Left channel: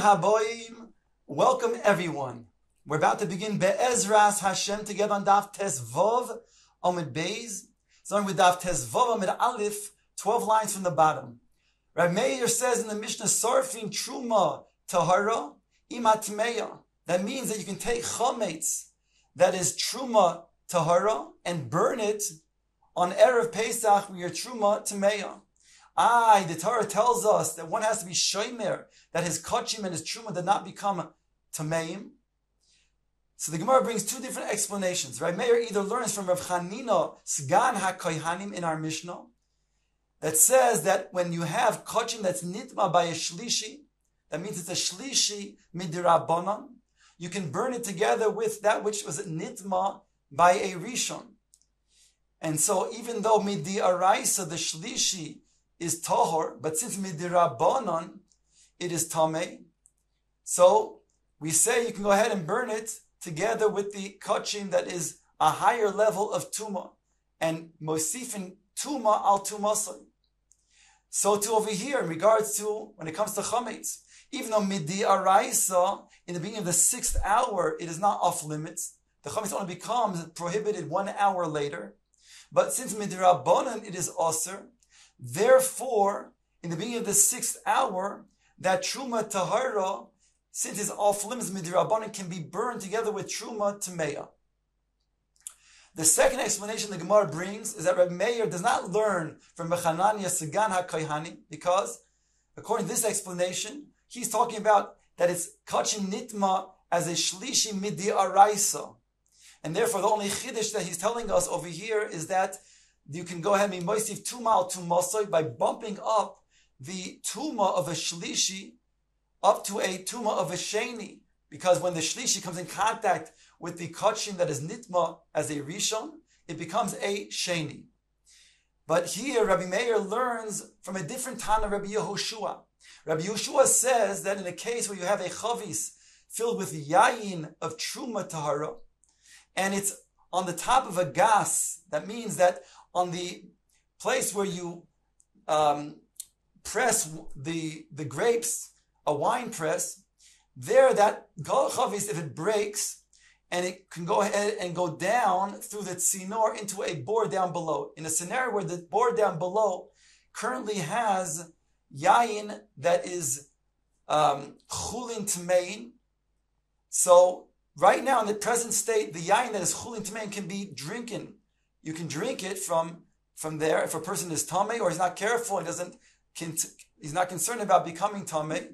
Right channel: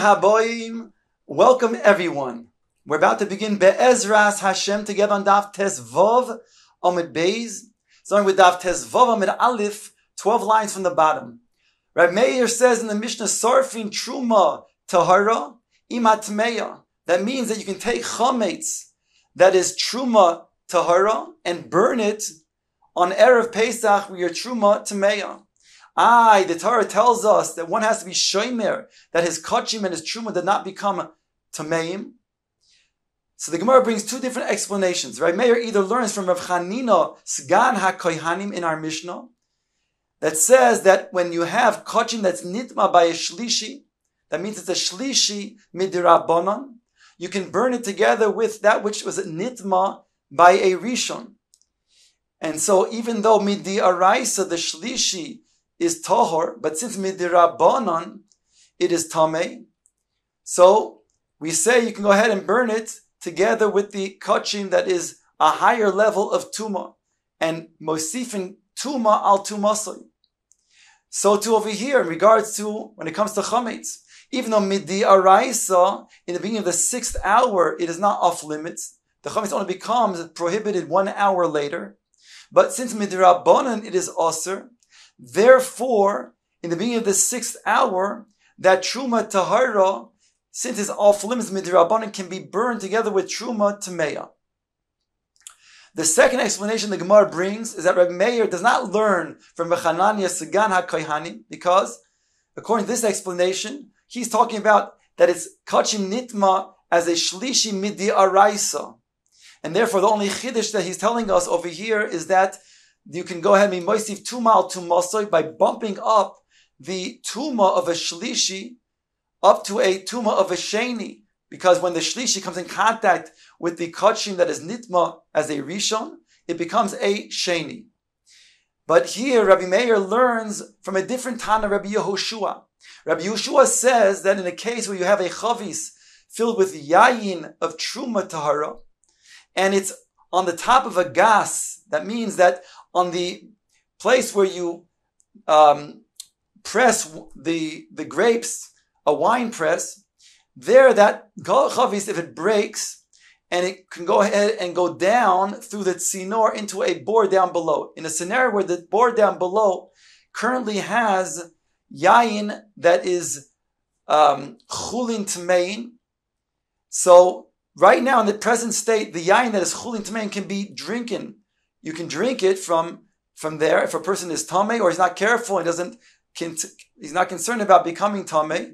Haboim, welcome everyone. We're about to begin Be'ezras Hashem together on Daf Tezvov Amud Beis, starting with Daf Tezvov Amud Aleph, 12 lines from the bottom. Rav Meir says in the Mishnah, Sarfin Truma Tahara Imatmeya. That means that you can take chametz, that is Truma Tahara, and burn it on Erev Pesach with your Truma Tameya. The Torah tells us that one has to be shomer, that his kachim and his truma did not become tameim. So the Gemara brings two different explanations. Rav Meir either learns from Rav Chanina, Sgan HaKohanim in our Mishnah, that says that when you have kachim that's nitma by a shlishi, that means it's a shlishi midirabanan, you can burn it together with that which was nitma by a rishon. And so even though midi araisa, the shlishi, is tahor, but since midirabanan it is tamei, so we say you can go ahead and burn it together with the kachim that is a higher level of tuma, and mosifin tuma al tumasoi. So too over here in regards to when it comes to chametz, even though midi araisa in the beginning of the 6th hour it is not off limits, the chametz only becomes prohibited 1 hour later. But since midirabanan it is aser, therefore, in the beginning of the 6th hour, that truma tahara, since it's off limits midirabanan, can be burned together with truma tameya. The second explanation the Gemara brings is that Rabbi Meir does not learn from Bechanania Sagan HaKohanim, because according to this explanation, he's talking about that it's kachim nitma as a shlishi midi araisa, and therefore the only chiddush that he's telling us over here is that you can go ahead and moisif tumal tumasoy by bumping up the tuma of a shlishi up to a tuma of a sheni, because when the shlishi comes in contact with the kachim that is nitma as a rishon, it becomes a sheni. But here Rabbi Meir learns from a different Tana, Rabbi Yehoshua. Rabbi Yehoshua says that in a case where you have a chavis filled with yayin of truma tahara, and it's on the top of a gas, that means that on the place where you press the grapes, a wine press, there that chavis, if it breaks, and it can go ahead and go down through the tzinor into a bore down below. In a scenario where the bore down below currently has yayin that is chulin tmein, so right now in the present state, the yayin that is chulin tmein can be drinking. You can drink it from there. If a person is tamei or he's not careful and he's not concerned about becoming tamei,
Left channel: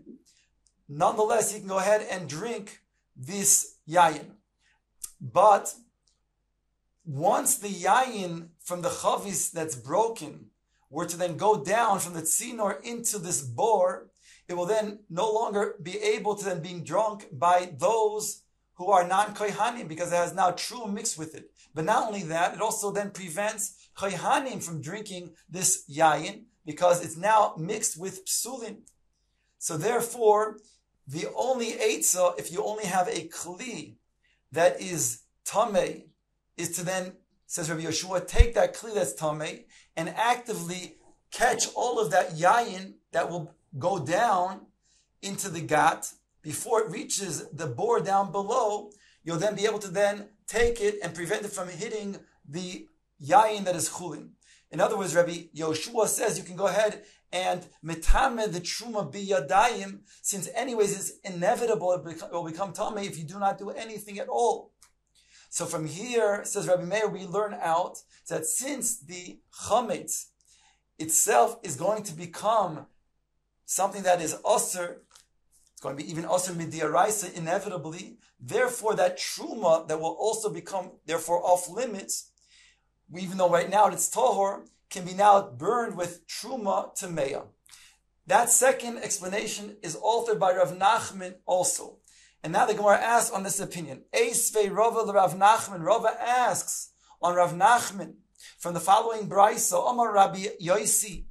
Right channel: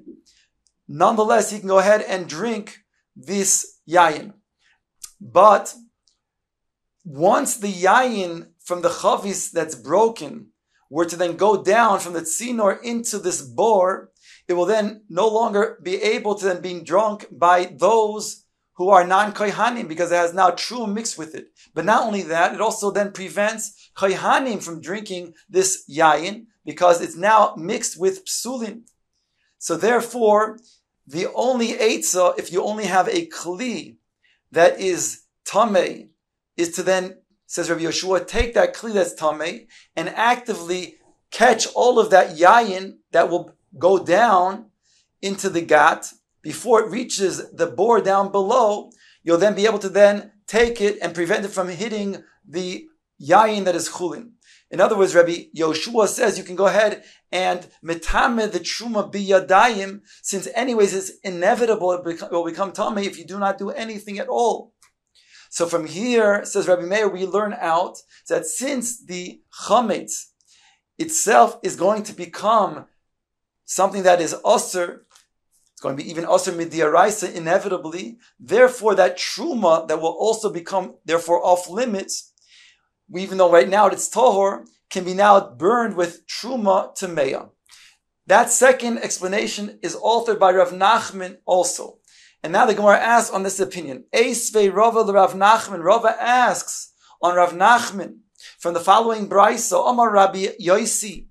nonetheless he can go ahead and drink this yayin. But once the yayin from the chavis that's broken were to then go down from the tzinor into this bore, it will then no longer be able to then be drunk by those who are non-kohanim, because it has now true mixed with it. But not only that, it also then prevents kohanim from drinking this yayin, because it's now mixed with psulin. So therefore, the only eitzah, if you only have a kli that is tamei, is to then, says Rabbi Yehoshua, take that kli that's tamei and actively catch all of that yayin that will go down into the gat. Before it reaches the bore down below, you'll then be able to then take it and prevent it from hitting the yayin that is chulin. In other words, Rabbi Yehoshua says you can go ahead and metame the truma biyadayim, since anyways it's inevitable it will become tamei if you do not do anything at all. So from here, says Rabbi Meir, we learn out that since the chametz itself is going to become something that is osir, it's going to be even osir midiyaraisa inevitably. Therefore, that truma that will also become therefore off limits, even though right now it's tahor, can be now burned with truma tameya. That second explanation is authored by Rav Nachman also. And now the Gemara asks on this opinion. Eisvei Rava Rav Nachman. Rava asks on Rav Nachman from the following brayso. Amar Rabbi Yosi,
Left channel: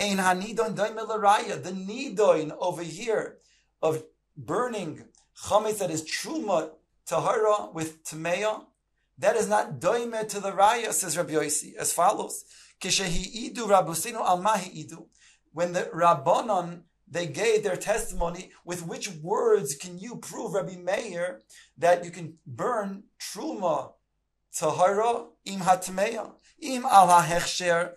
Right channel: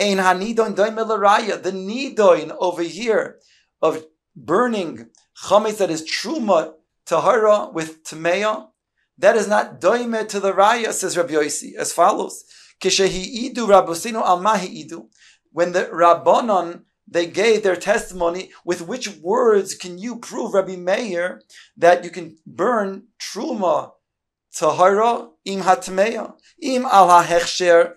Ein hanidon doime l'raya. The nidoin over here of burning chametz that is truma tahara with tameya, that is not doime to the raya, says Rabbi Yosi, as follows: Kishehi idu rabosinu al mahi idu. When the Rabbanon they gave their testimony. With which words can you prove, Rabbi Meir, that you can burn truma tahara im hatmeya im al hahechsher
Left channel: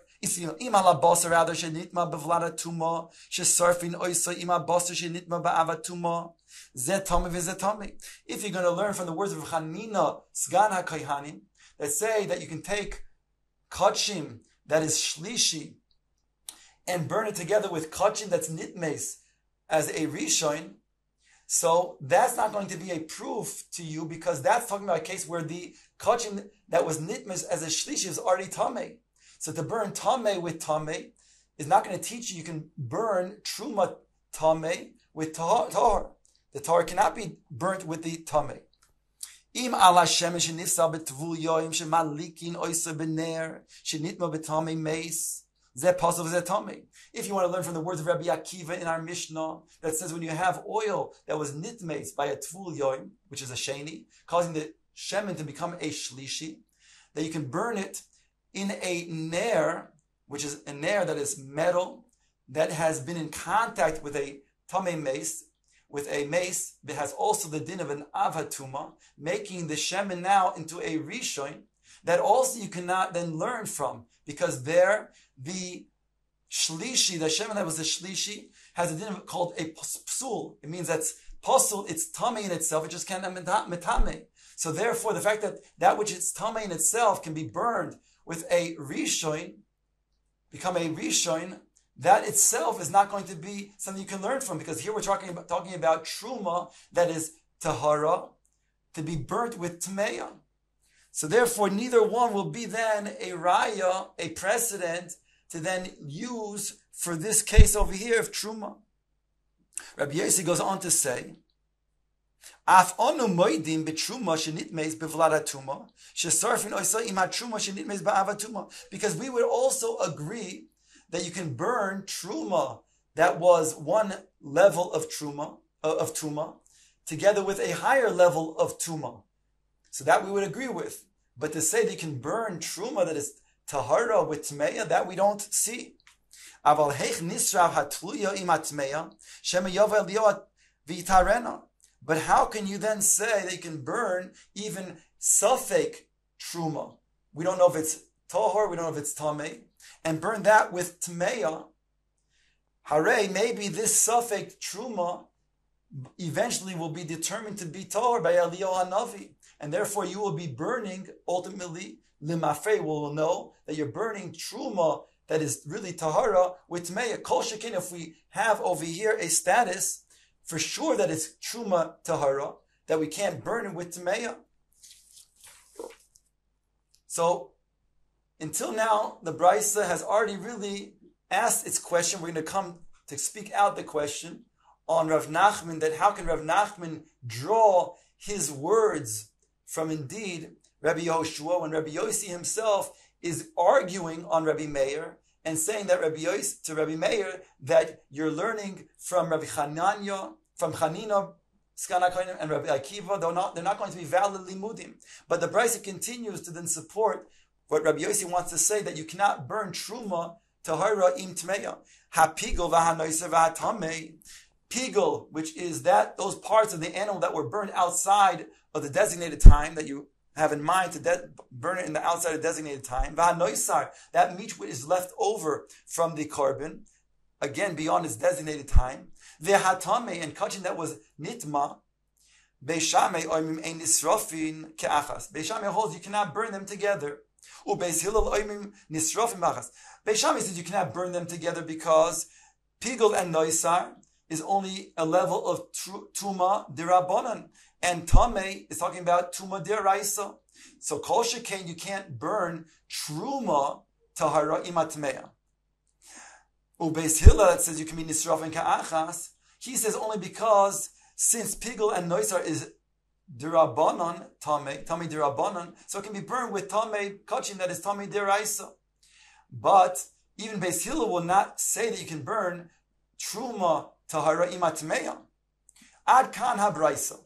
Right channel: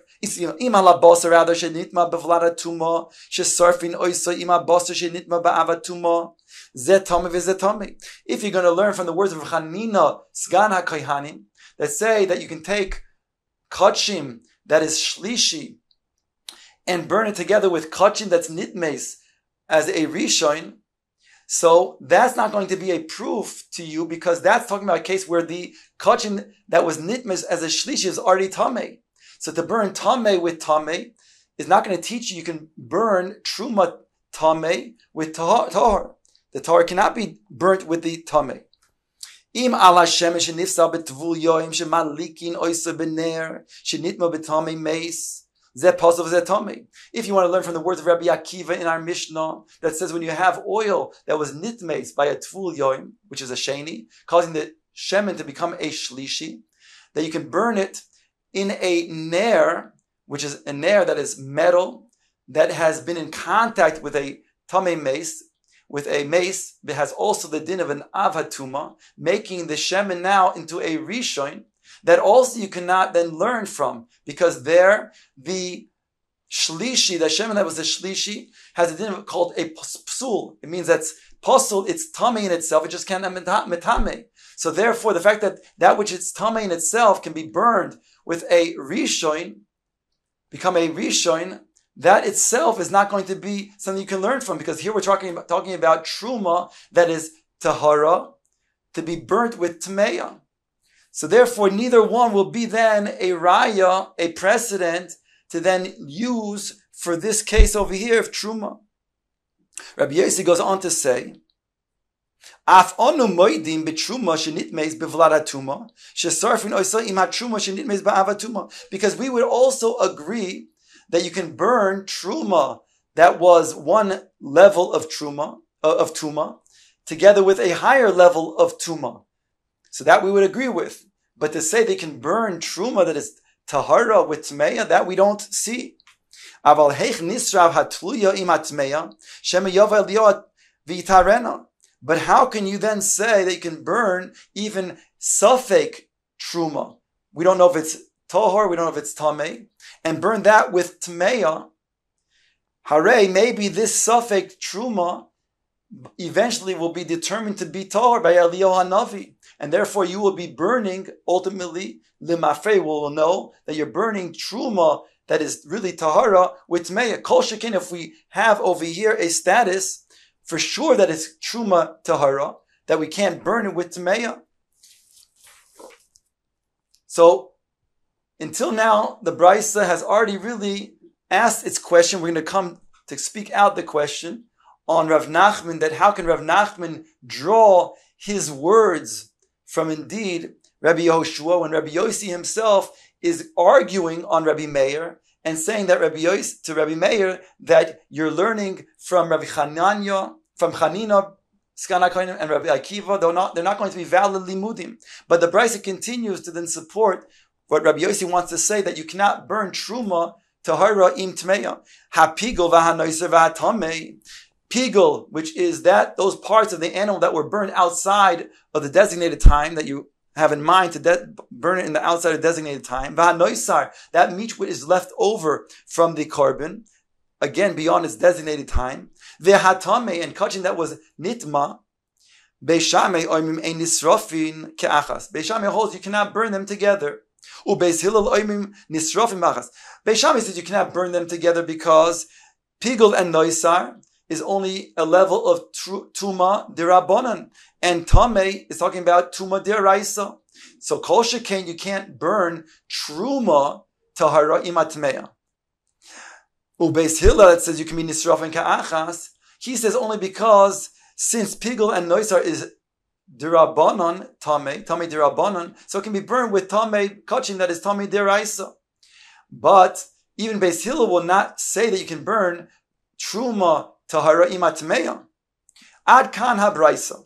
im al basar rather shenitma bevlada tuma shesarfin oisa im al basar shenitma ba'avatuma zetame v'zetame. If you're going to learn from the words of Chanina Sgan HaKohanim that say that you can take kachim that is shlishi and burn it together with kachim that's nitmes as a rishon, so that's not going to be a proof to you, because that's talking about a case where the kachim that was nitmes as a shlishi is already tameh. So to burn tameh with tameh is not going to teach you can burn truma tameh with tahar. The tahar cannot be burnt with the tameh. Im ala shemesh nifsa betvul yoim shemalikin oisa bener shenitma betameh meis. If you want to learn from the words of Rabbi Akiva in our Mishnah that says when you have oil that was nitmes by a tvul yoim, which is a sheni, causing the shemen to become a shlishi, that you can burn it in a ner, which is a ner that is metal, that has been in contact with a tameh mace, with a mace that has also the din of an avatuma, making the shemen now into a rishon, that also you cannot then learn from, because there the shlishi, the shemen that was the shlishi, has a din called a psul. It means that's pasul, it's tamei in itself, it just can't metame. So therefore, the fact that that which is tamei in itself can be burned with a rishon, become a rishon, that itself is not going to be something you can learn from, because here we're talking about truma that is tahara, to be burnt with tmeya. So therefore, neither one will be then a raya, a precedent to then use for this case over here of truma. Rabbi Yossi goes on to say, Af onu moidim betruma shenitmeis bevladatuma shesarfin oisa im hatruma shenitmeis ba'avatuma. Because we would also agree that you can burn truma that was one level of truma of tuma together with a higher level of tuma. So that we would agree with. But to say they can burn truma that is tahara with tmeya, that we don't see. Aval heich nisrav hatluya im hatmeya shema yova eliyot v'itarena. But how can you then say that you can burn even safek truma? We don't know if it's tahor, we don't know if it's tameh, and burn that with tmeya. Hare, maybe this safek truma eventually will be determined to be tahor by Eliyahu Hanavi. And therefore you will be burning, ultimately, limafrei will know that you're burning truma that is really tahara with tmeya. Kol shekin, if we have over here a status, for sure that it's truma tahara, that we can't burn it with tmeya. So, until now, the Brisa has already really asked its question. We're going to come to speak out the question on Rav Nachman, that how can Rav Nachman draw his words from indeed Rabbi Yehoshua, when Rabbi Yossi himself is arguing on Rabbi Meir and saying that to Rabbi Meir that you're learning from Rabbi Chananya, from Chanina, Sgan HaKohanim, and Rabbi Akiva. They're not going to be valid limudim. But the Brisa continues to then support what Rabbi Yossi wants to say, that you cannot burn truma tahara im tmeya hapigol v'hanoiser v'hatamei. Pigel, which is those parts of the animal that were burned outside of the designated time, that you have in mind to burn it in the outside of the designated time. V'hanoisar, that meat which is left over from the korban, again beyond its designated time. V'hatame, and kachin that was nitma. Beishamei oimim ein nisrofin ke'achas. Beishamei holds you cannot burn them together. Ubeis Hillel oimim nisrofin machas. Beishamei says you cannot burn them together because pigel and noisar is only a level of tuma dirabanan, and tamei is talking about tuma diraisa. So kol shekain, you can't burn truma tahara imatmeya. Ubeis Hillel, that says you can be nisrafin ka'achas. He says only because since pigel and noisar is dirabanan tamei dirabanan, so it can be burned with tamei kachin that is tamei diraisa. But even Beis Hillel will not say that you can burn truma tahara imatmeya. Ad kan habraisa.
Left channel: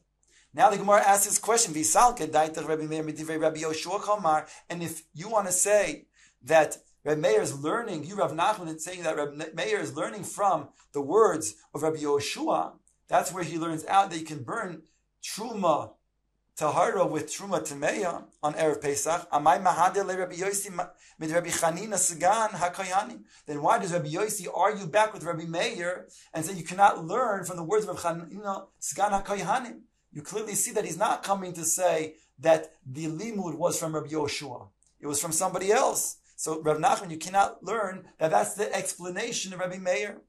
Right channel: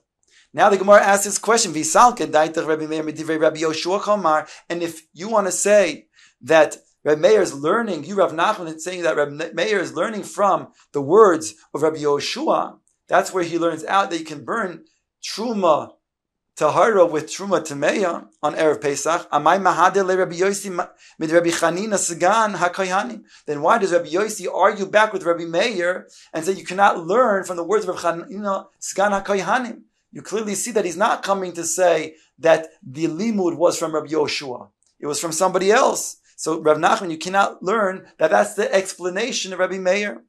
Now the Gemara asks this question: Visalke daitach Rabbi Meir midivrei Rabbi Yoshua Chamar. And if you want to say that Rabbi Meir is learning, you Rav Nachman is saying that Rabbi Meir is learning from the words of Rabbi Yoshua. That's where he learns out that you can burn Truma Tahara with Truma Tameya on Erev Pesach. Amai Mahadeh le Rabbi Yosi mid Rabbi Chanina Sagan HaKohanim. Then why does Rabbi Yosi argue back with Rabbi Meir and say you cannot learn from the words of Rabbi Chanina Sagan HaKohanim? You clearly see that he's not coming to say that the limud was from Rabbi Yoshua. It was from somebody else. So Rav Nachman, you cannot learn that that's the explanation of Rabbi Meir.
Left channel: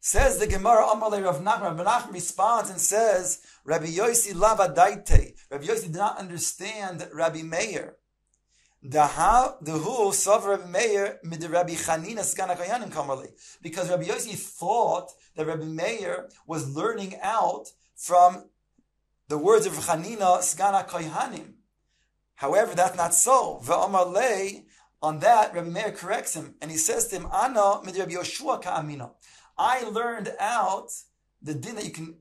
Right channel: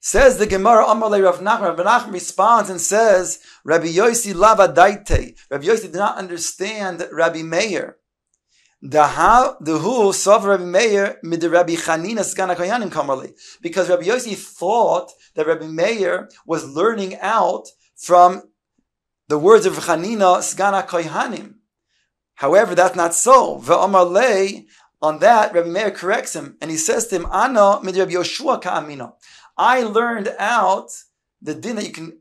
Says the Gemara, Amar le Rav Nachman. Rav Nachman responds and says, Rabbi Yosi lava daite. Rabbi Yosi did not understand Rabbi Meir. Dehu sav Rabbi Meir mid Rabbi Chanina Sgan HaKohanim kamarle. Because Rabbi Yosi thought that Rabbi Meir was learning out from the words of Chanina Sgan HaKohanim. However, that's not so. Ve'amar le, on that, Rabbi Meir corrects him, and he says to him, Ana mid Rabbi Yoshua ka'amina. I learned out the din that you can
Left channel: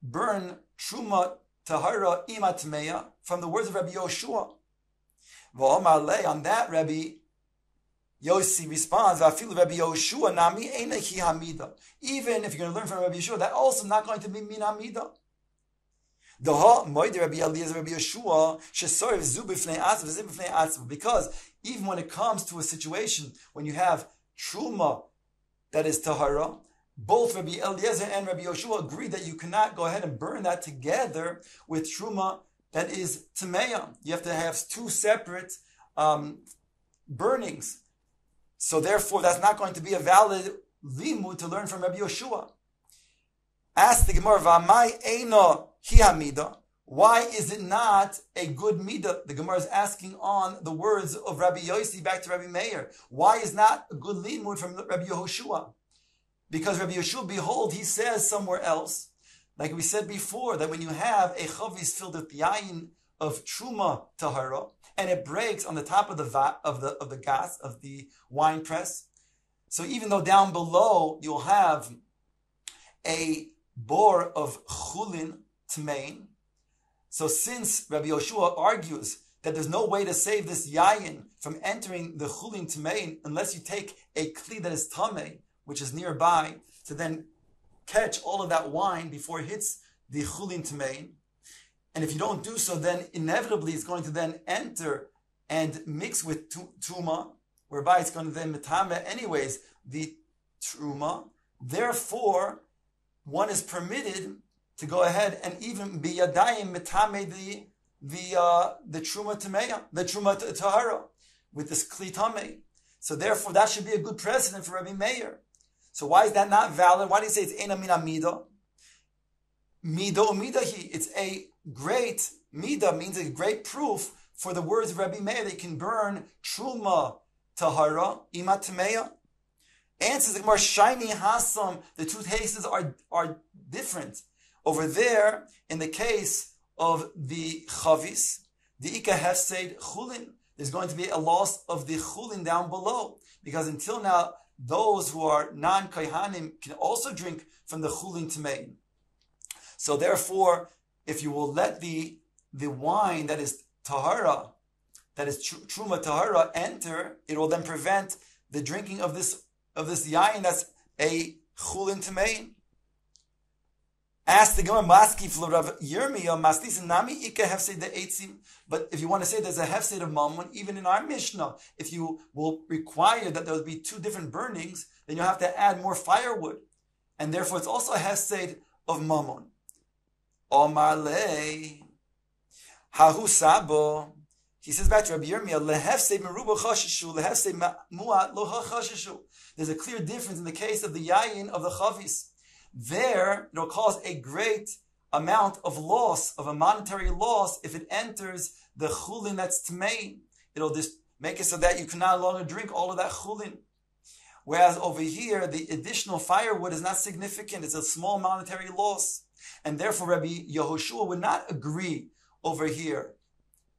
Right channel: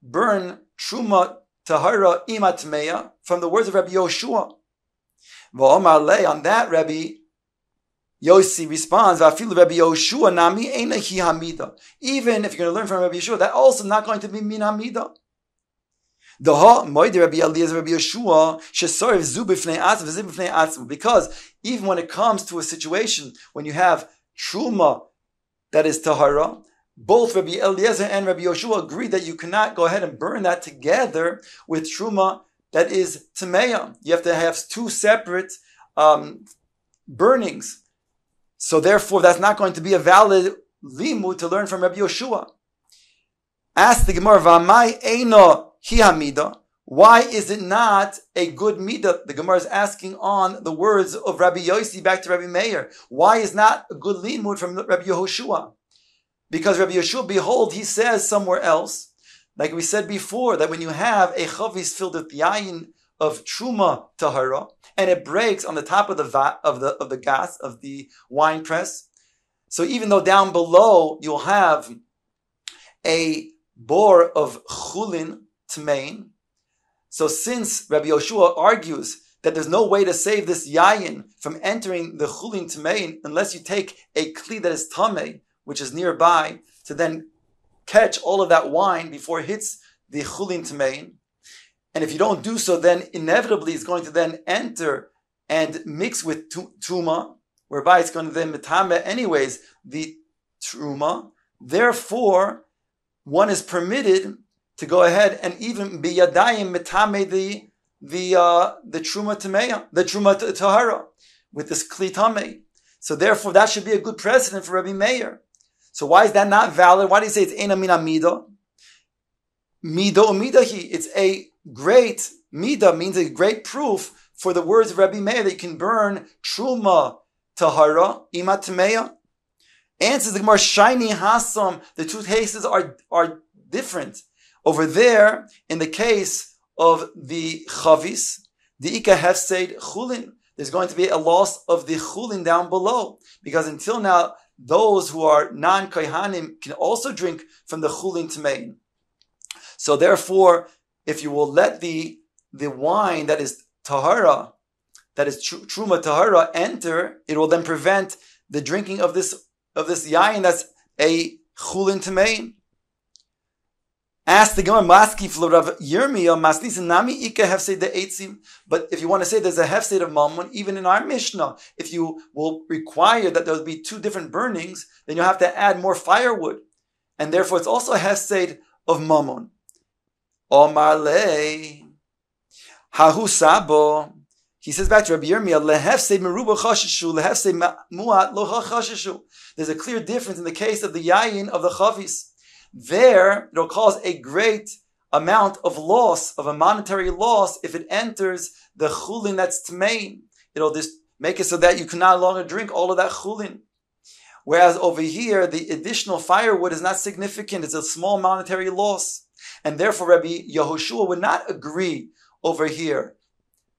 burn Truma Tahara Ima Tmeya from the words of Rabbi Yoshua. Ve'amar le, on that, Rabbi Yosi responds, Va'afilu Rabbi Yoshua nami eina hi hamida. Even if you're going to learn from Rabbi Yoshua, that's also not going to be min hamida. Because even when it comes to a situation when you have truma that is tahara, both Rabbi Eliezer and Rabbi Yoshua agree that you cannot go ahead and burn that together with truma that is tameya. You have to have two separate burnings. So therefore, that's not going to be a valid limud to learn from Rabbi Yoshua. Ask the Gemara, V'amai eino hi hamida. Why is it not a good midah? The Gemara is asking on the words of Rabbi Yosi back to Rabbi Meir. Why is not a good limud from Rabbi Yehoshua? Because Rabbi Yehoshua, behold, he says somewhere else, like we said before, that when you have a chavis filled with yayin of truma tahara, and it breaks on the top of the vat of the gas of the wine press, so even though down below you'll have a bor of chulin tmein, so since Rabbi Yoshua argues that there's no way to save this yayin from entering the chulin tmein unless you take a kli that is tamei, which is nearby, to then catch all of that wine before it hits the chulin tmein. And if you don't do so, then inevitably it's going to then enter and mix with truma, whereby it's going to then metame anyways the truma. Therefore, one is permitted to go ahead and even be yadayim metame the truma tameya, the truma tahara, with this kli tamei. So therefore, that should be a good precedent for Rabbi Meir. So why is that not valid? Why do you say it's ena mina midah? Midah umidahi. It's a great midah, means a great proof for the words of Rabbi Meir that you can burn truma tahara ima tameya. Answers the Gemara, shiny hasam. The two cases are different. Over there, in the case of the chavis, the ika hefseid chulin, there's going to be a loss of the chulin down below, because until now, those who are non-kohanim can also drink from the chulin tmein. So therefore, if you will let the wine that is tahara, that is truma tahara, enter, it will then prevent the drinking of this yayin that's a chulin tmein. Ask the Gemara, Maski for Rav Yirmiyahu, Maslis nami ika hefseid de eitzim. But if you want to say there's a hefseid of mammon, even in our Mishnah, if you will require that there will be two different burnings, then you'll have to add more firewood, and therefore it's also a hefseid of mammon. Omar le hahu sabo. He says back to Rabbi Yirmiyahu, lehefseid meruba chashishu, lehefseid muat lo chashishu. There's a clear difference in the case of the yayin of the chavis. There, it'll cause a great amount of loss, of a monetary loss, if it enters the chulin that's tmein. It'll just make it so that you can no longer drink all of that chulin. Whereas over here, the additional firewood is not significant. It's a small monetary loss. And therefore, Rabbi Yehoshua would not agree over here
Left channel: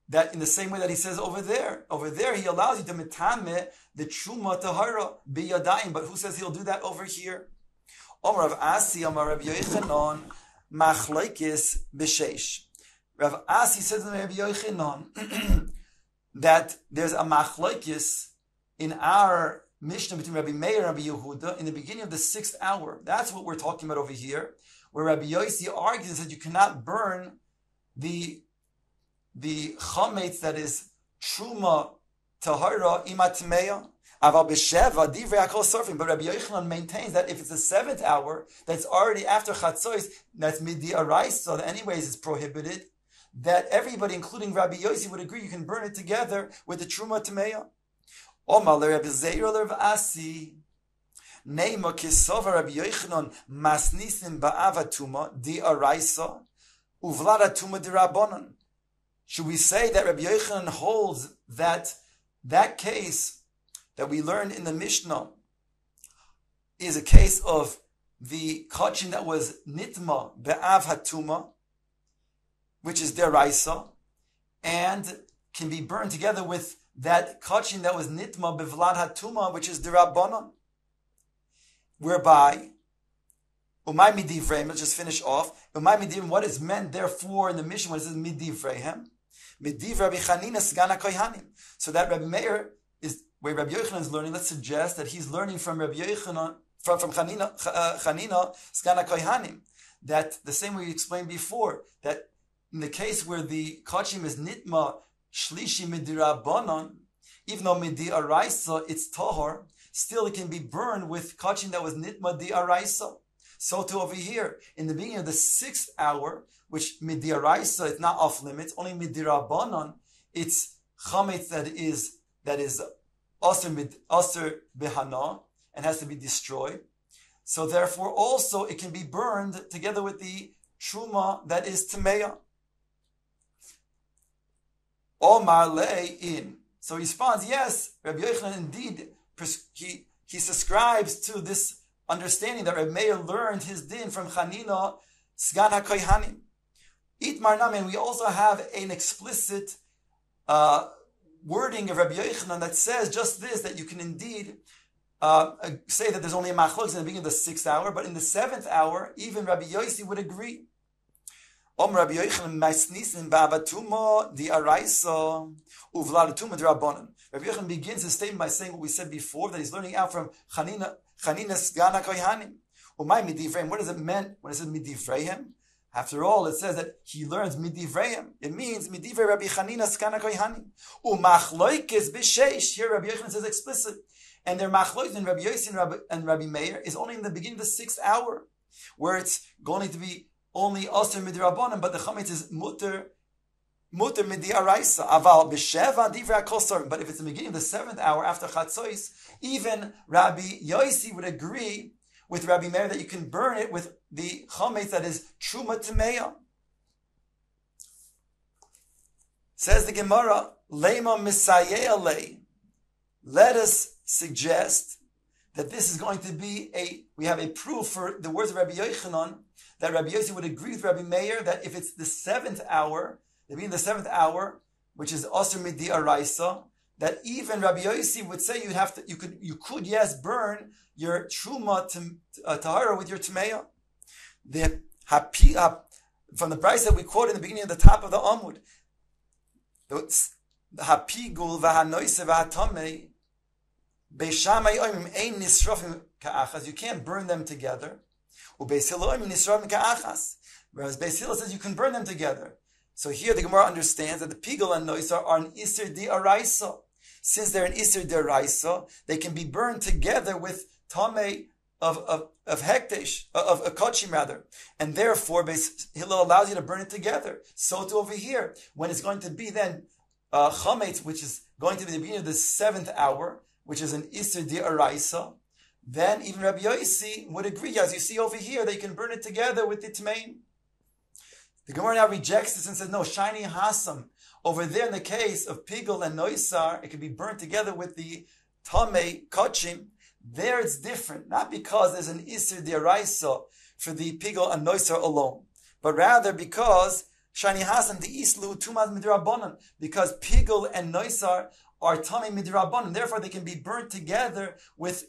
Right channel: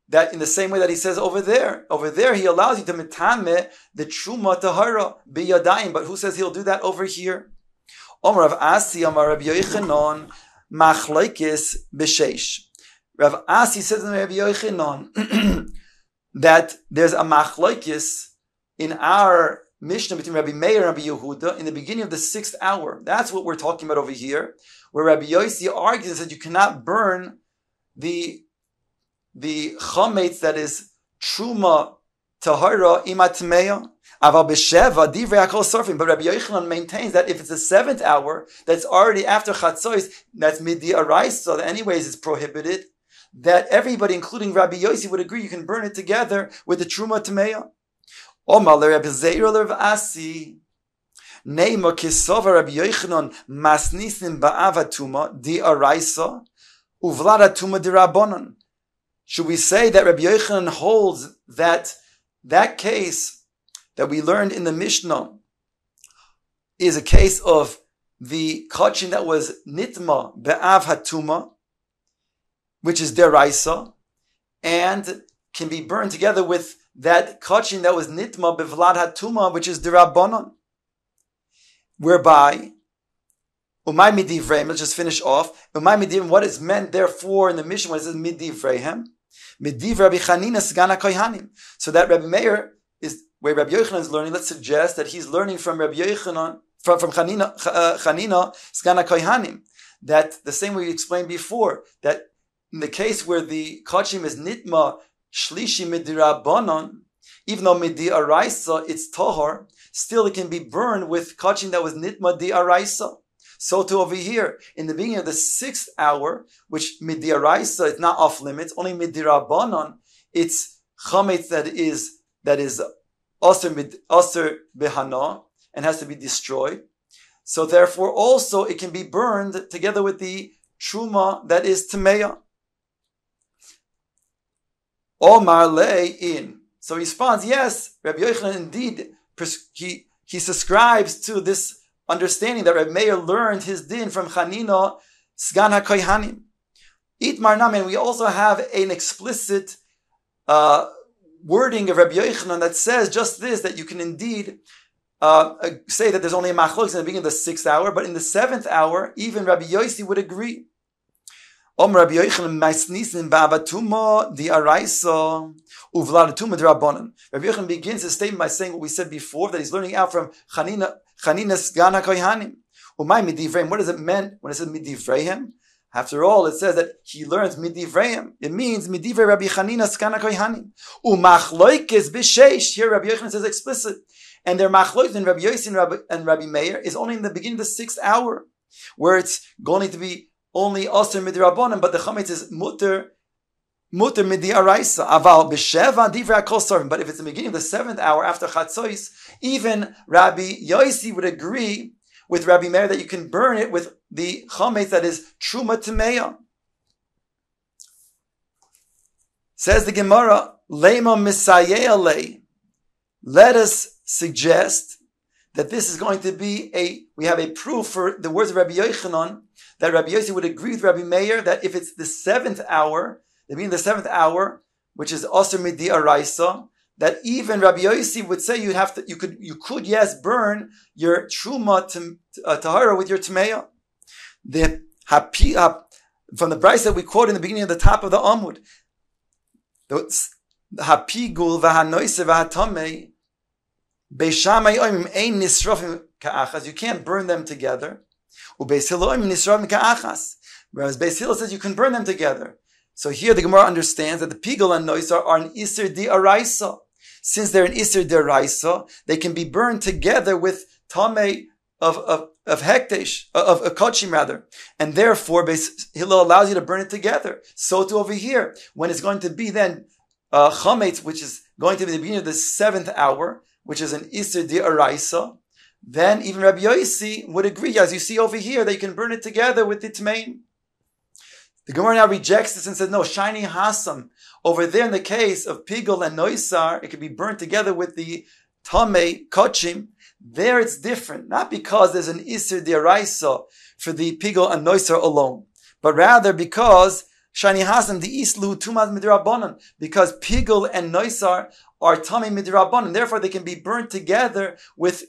that in the same way that he says over there. Over there, he allows you to metame the truma tahara biyadayim. But who says he'll do that over here? Omar Rav Asi, Omar Rabbi Yochanan, machlokes b'sheish. Rav Asi says to Rabbi Yochanan, that there's a machlokes in our Mishnah between Rabbi Meir and Rabbi Yehuda in the beginning of the 6th hour. That's what we're talking about over here, where Rabbi Yossi argues that you cannot burn the chametz that is truma tahara imatmeya. Aval b'sheva divrei hakol sorfim. But Rabbi Yochanan maintains that if it's the 7th hour, that's already after chatzos, that's midi araisa, that anyways is prohibited. That everybody, including Rabbi Yossi, would agree you can burn it together with the truma tmeya. Omar le Rabbi Zeira le Rav Asi. Neima kisova Rabbi Yochanan masnisim ba'avatuma di araisa uvlada tuma di rabbanon. Should we say that Rabbi Yochanan holds that case that we learned in the Mishnah is a case of the kachin that was nitma be'av hatuma, which is deraisa, and can be burned together with that kachin that was nitma bevlad hatuma, which is derabbanon. Whereby, umay midivreim, let's just finish off. Umay midivreim, what is meant therefore in the Mishnah when it says midivreihem? Midiv Rabbi Chanina Sgana Kohanim. So that Rabbi Meir is where Rabbi Yochanan is learning. Let's suggest that he's learning from Rabbi Yochanan, from Chanina Sgana Kohanim. That the same way we explained before, that in the case where the kachim is nitma shlishi midirabanon, even though midi araisa it's tahor, still it can be burned with kachim that was nitma di araisa. So too over here, in the beginning of the 6th hour, which midi araisa, it's not off limits, only midirabanon, it's chametz that is aser behana and has to be destroyed. So therefore also it can be burned together with the truma that is tameya. Omar le'in. So he responds, yes, Rabbi Yochanan indeed, he subscribes to this understanding that Rabbi Meir learned his din from Chanina Sgan HaKohanim. Itmar Nami, and we also have an explicit wording of Rabbi Yochanan that says just this, that you can indeed say that there's only a machlokes in the beginning of the 6th hour, but in the 7th hour, even Rabbi Yossi would agree. Rabbi Yochanan begins his statement by saying what we said before, that he's learning out from Chanina Sgan HaKohanim. What does it mean when it says midivreihem? After all, it says that he learns midivreihem. It means midivrei Rabbi Chanina Sgan HaKohanim. Umachloikes b'sheish. Here Rabbi Yochanan says explicit. And their machloikes in Rabbi Yossi and Rabbi Meir is only in the beginning of the 6th hour, where it's going to be only aser midirabanan, but the chametz is muter midi araisa. Aval b'sheva divrei hakol sarvim. But if it's the beginning of the 7th hour after chatzos, even Rabbi Yossi would agree with Rabbi Meir that you can burn it with the chametz that is truma tameya. Says the Gemara, Lema misayeh lei. Let us suggest that this is going to be we have a proof for the words of Rabbi Yochanan, that Rabbi Yossi would agree with Rabbi Meir that if it's the 7th hour, the beginning of the 7th hour, which is aser midi araisa, that even Rabbi Yossi would say you could yes burn your truma tahara with your tmeya. From the brayso that we quote in the beginning of the top of the Amud, the hapigul v'hanoise v'hatamei beishamai oimim ein nisrofim ka'achas. You can't burn them together. Ubeis Hillel oimim nisrofim ka'achas. Whereas Beis Hillel says you can burn them together. So here the Gemara understands that the pigul and noisar are an iser di araisa. Since they're an iser di araisa, they can be burned together with tamei of hekdesh, of kachim rather, and therefore Beis Hillel allows you to burn it together. So too over here, when it's going to be then chametz, which is going to be the beginning of the 7th hour, which is an iser di araisa, then even Rabbi Yossi would agree, as you see over here, that you can burn it together with the tmeim. The Gemara now rejects this and says, no, shiny hasam. Over there in the case of pigul and noisar, it can be burnt together with the tamei kachim. There it's different, not because there's an iser deraisa for the pigul and noisar alone, but rather because shani hasam the islu tumaz midrabanan, because pigul and noisar are tamei midrabanan. Therefore, they can be burnt together with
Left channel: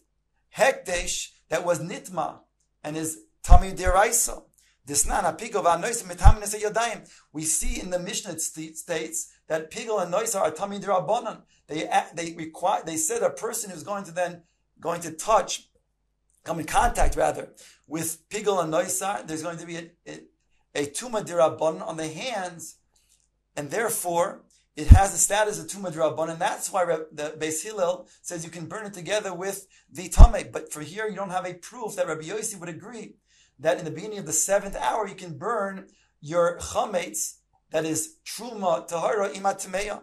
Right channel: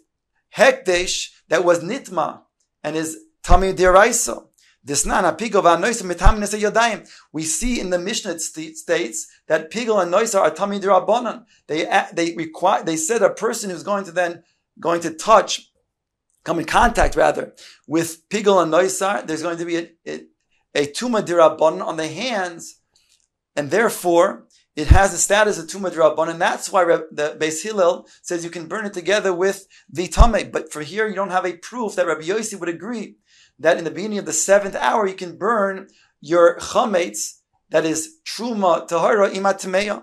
hekdesh that was nitma and is tamei deraisa. We see in the Mishnah it states that pigel and noisar are tamid rabbanan. They said a person who's going to touch, come in contact rather, with pigel and noisar, there's going to be a tuma dirabbanan on the hands, and therefore it has the status of tuma dirabbanan, and that's why the Beis Hillel says you can burn it together with the tameh. But for here, you don't have a proof that Rabbi Yossi would agree that in the beginning of the 7th hour you can burn your chametz, that is truma tahara imat tameya.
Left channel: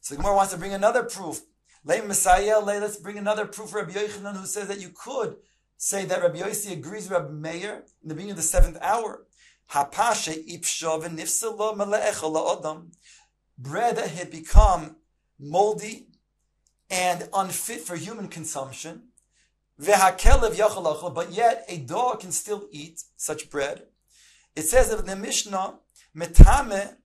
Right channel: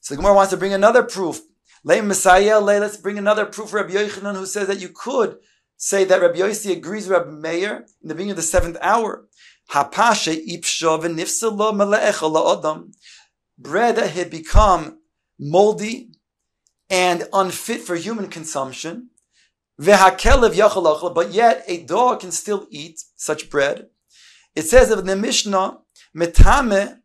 So the Gemara wants to bring another proof. Let's bring another proof for Rabbi Yochanan, who says that you could say that Rabbi Yossi agrees with Rabbi Meir in the beginning of the 7th hour. Bread that had become moldy and unfit for human consumption, but yet a dog can still eat such bread. It says in the Mishnah, metame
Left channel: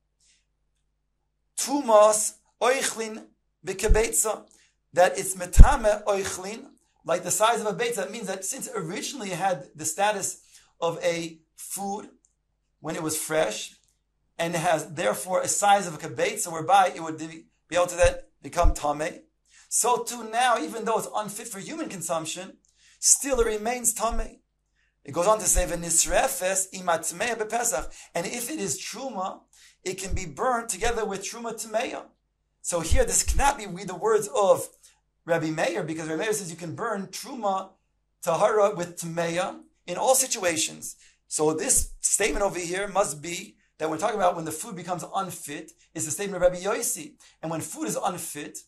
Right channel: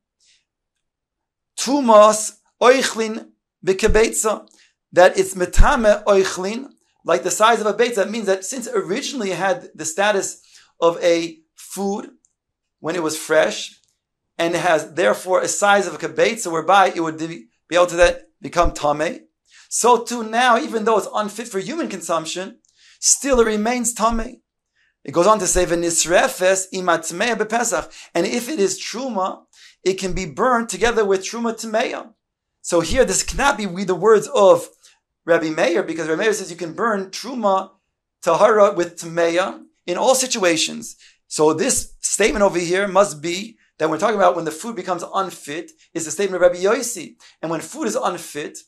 tumas oichlin b'kebetza, that it's metame oichlin, like the size of a beitza. That means that since originally it had the status of a food when it was fresh, and it has therefore a size of a kebetza, whereby it would be able to then become tameh, so too now, even though it's unfit for human consumption, still it remains tameh. It goes on to say, "V'nisrefes imatmeya bepesach," and if it is truma, it can be burned together with truma tameya. So here, this cannot be the words of Rabbi Meir, because Rabbi Meir says you can burn truma tahara with tameya in all situations. So this statement over here must be that we're talking about when the food becomes unfit, is the statement of Rabbi Yossi. And when food is unfit,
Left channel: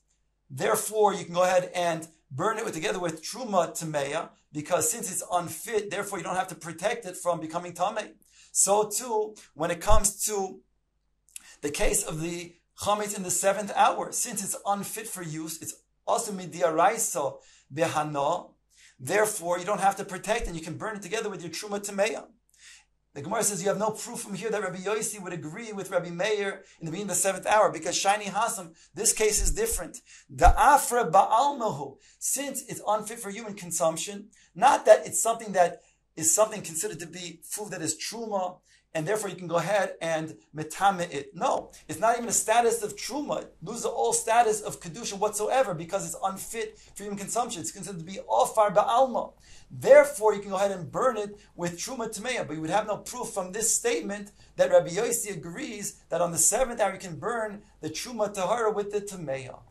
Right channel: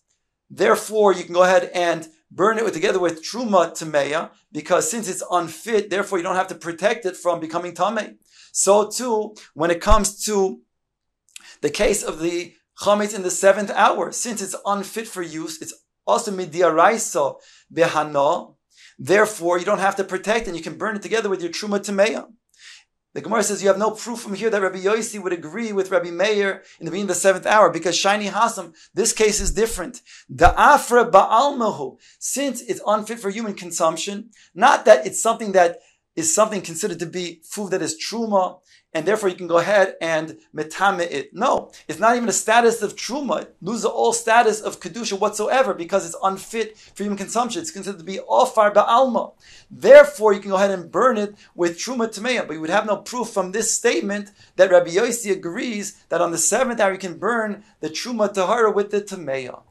therefore you can go ahead and burn it together with truma tameya, because since it's unfit, therefore you don't have to protect it from becoming tameh. So too, when it comes to the case of the chametz in the 7th hour, since it's unfit for use, it's also midiaraisa behana, therefore you don't have to protect it, and you can burn it together with your truma tameya. The Gemara says you have no proof from here that Rabbi Yossi would agree with Rabbi Meir in the beginning of the 7th hour, because Shiny Hasam, this case is different. Da'afra ba'almahu, since it's unfit for human consumption, not that it's something that is something considered to be food that is truma, and therefore you can go ahead and metame it. No, it's not even a status of truma. It loses all status of kedusha whatsoever, because it's unfit for human consumption. It's considered to be ofar ba'alma. Therefore, you can go ahead and burn it with truma tameya. But you would have no proof from this statement that Rabbi Yossi agrees that on the 7th hour you can burn the truma tahara with the tameya.